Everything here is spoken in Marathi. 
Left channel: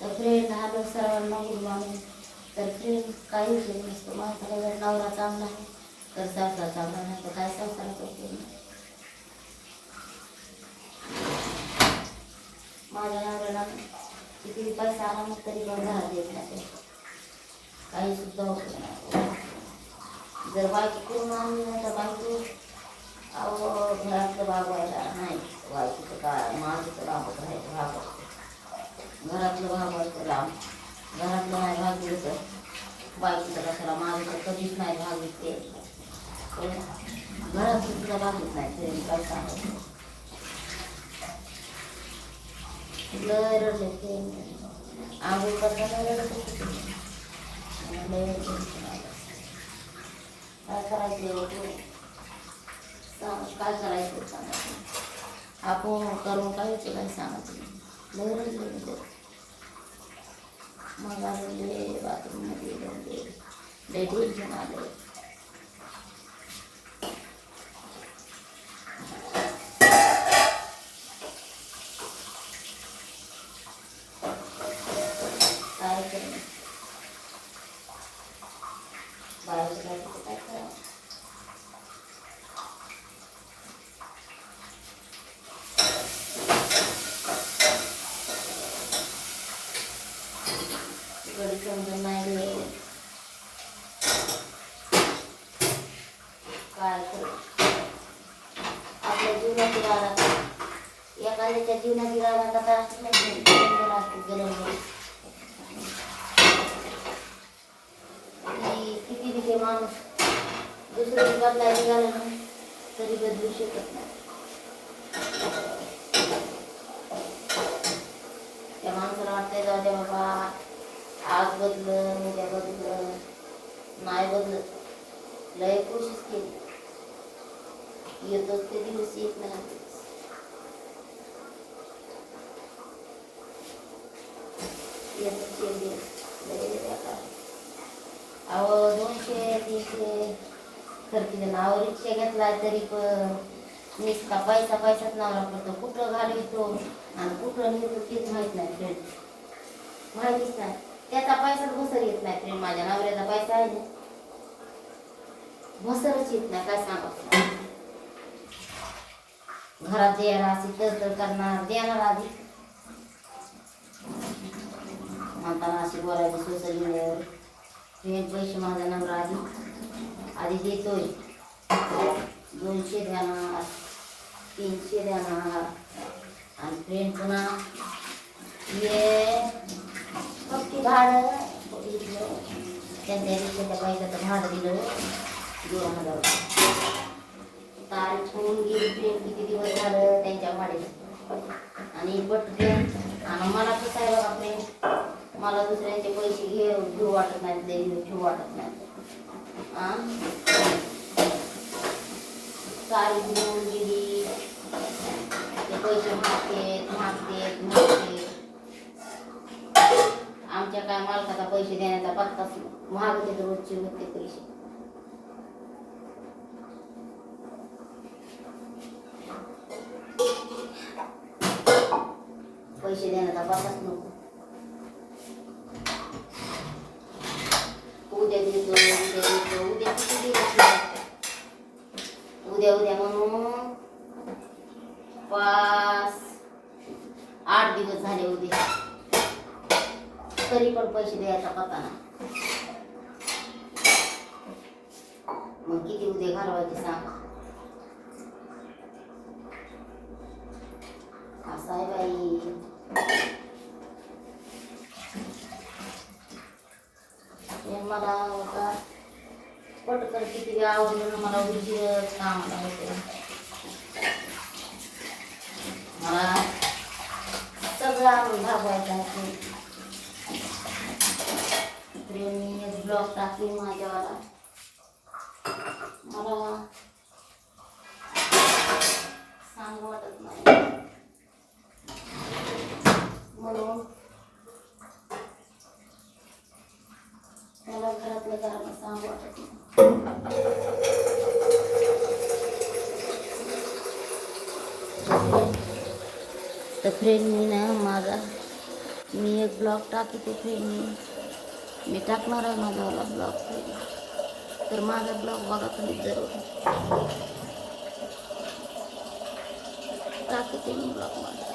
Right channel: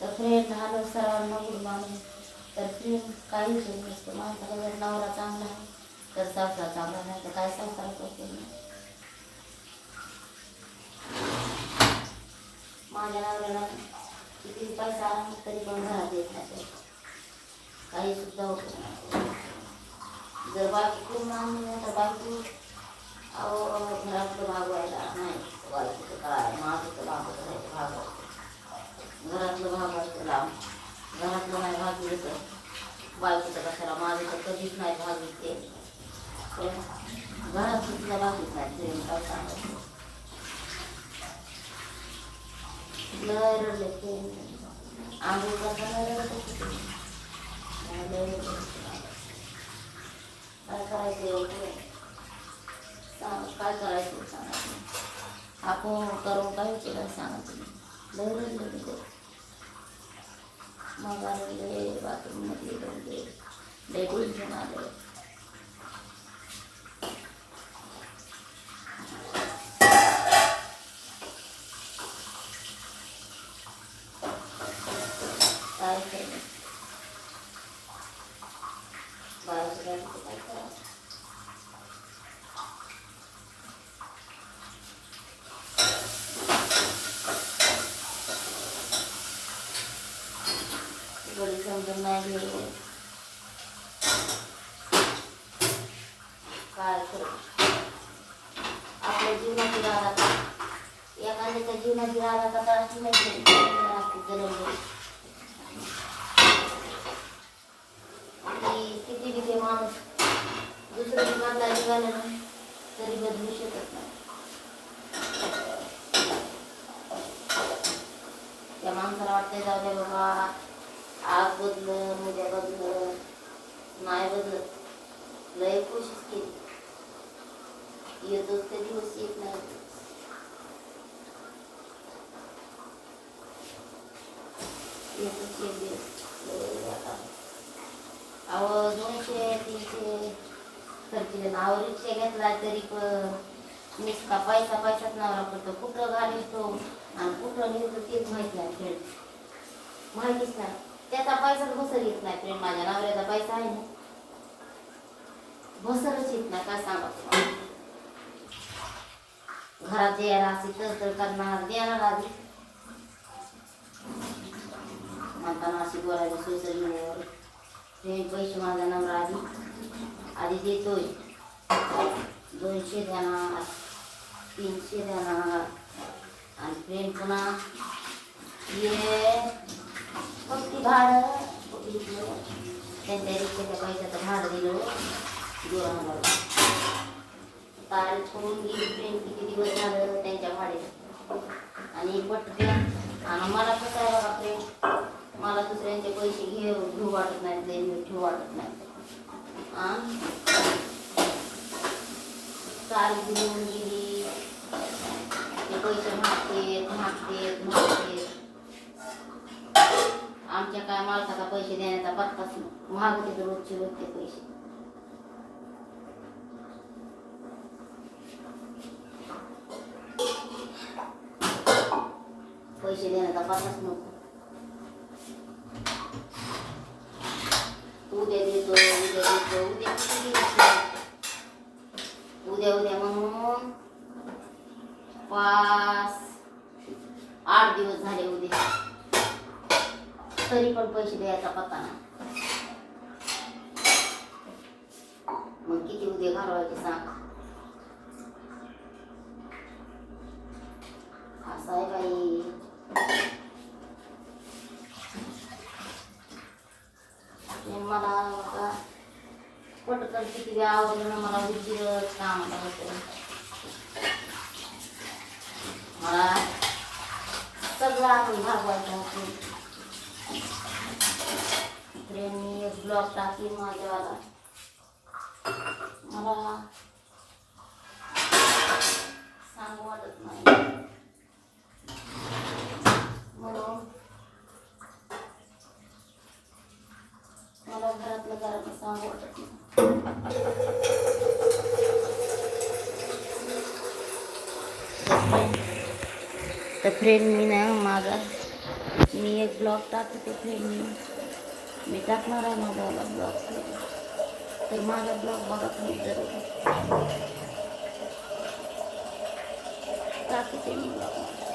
तर फ्रेंड हॅलो सर्वांना गुड मॉर्निंग तर फ्रेंड काही विषय नसतो. माणसाला जर नवरा चांगला आहे तर संसार चांगला नाही तर काय संसार करतो मी? माझ्या नवऱ्याला किती पैसा आला तरी पण घरात येत नाही काही सुद्धा होत जर बाकी करून आणली नाही तर बाकी अहो घरातलं भागवायला नाही. बाकीचं काय माझं तर लांबच नाही भागवायचं घरातलं भागवायचं लांब घरातलं नाही भागलं तर बाकीचं कशाला माझं तर कधीच नाही भागलीत ते पण घरात सुद्धा भागलीत नाही प्रेम काय सांगायचं लय रडले प्रेम आम्ही करताना रडत होते लय tension आलं. काय करायचं सांग काय करायचं सांगायचं आपण करून काय होते काय सांगायचं नाही. लय रडले मी ते. मग आले बाथरूममध्ये रडले लय टेन्शन आलं काय केलं बाहेरचं काय तिथं काय करावं काय करू आपल्या जीवनाची राधा एखाद्याच्या जीवनाची राधा कथा असली नाही राहते गरम किती बी ते माणूस दुसरं बदलायला निघाला ना तरी बदलू शकत नाही त्या माणसाला वाटतंय जाऊ द्या बाबा आज बदलं उद्या बदलं नाही बदलत लय कोशिश केली येतोच ते दिवस येत नाही येतोच एक दिवस अहो दोनशे तीनशे खर्ची नाव रिक्षा घेतला तरी पण नुसता पैसा पैसाच नावरा पडतो कुठं घालवतो आणि कुठं निघतो तेच माहीत नाही फ्रेंड माहितीच नाही त्याचा पैसाच भसर येत नाही फ्रेंड माझ्या नवऱ्याचा पैसा आहे ना भसरच येत नाही काय सांगा घरात द्यायला असे तर तर करणार देणार आधी. म्हणताना असे बोलायचे सोशल मीडियावर ते पैसे माझ्या नंबर आधी. आधी देतोय. दोनशे देणार तीनशे देणार आणि फ्रेंड पुन्हा. ये. फक्त भाडं. त्यांच्या रिक्षाच्या पैशाचं भाडं दिलं. दोन हजार. तारीख सोडून गेली ट्रेन किती दिवस झालं त्यांच्या भाडे आणि पटते आणि मला कसं आहे बघा फ्रेंड मला दुसऱ्यांचे पैसे घे घेऊ वाटत नाही देऊ घेऊ वाटत नाही. काल घेऊन गेली. ते पैसे मागतेत मागतेत मागतेत आमच्या काय मालकाचा पैसे देण्याचा पत्ताच महाग होते तर रोजचे रोजचे पैसे. पैसे देण्याचा पत्ताच नको उद्या देतो उद्या देतो उद्या किती दिवस उद्या उद्या म्हणून पाच आठ दिवस झाले उद्या तरी पण पैसे द्यायचा पत्ता नाही मग किती उद्या घालवायचे सांग असं आहे बाई ते मला का पटकन किती आवडलं मला उजीर कामाला होते मला सगळं आणून भागायचा आहे. प्रेमी एक टाकली टाकी माझ्यावाला मला सांगू वाटत नाही म्हणून मला घरातल्या घरात सांगू वाटत नाही तर फ्रेंड मी ना माझा मी एक ब्लॉग टाकत फ्रेंड मी. मी टाकणार आहे माझावाला ब्लॉग तर माझा ब्लॉग बघा तुम्ही जरूर. टाकते मी ब्लॉग माझा.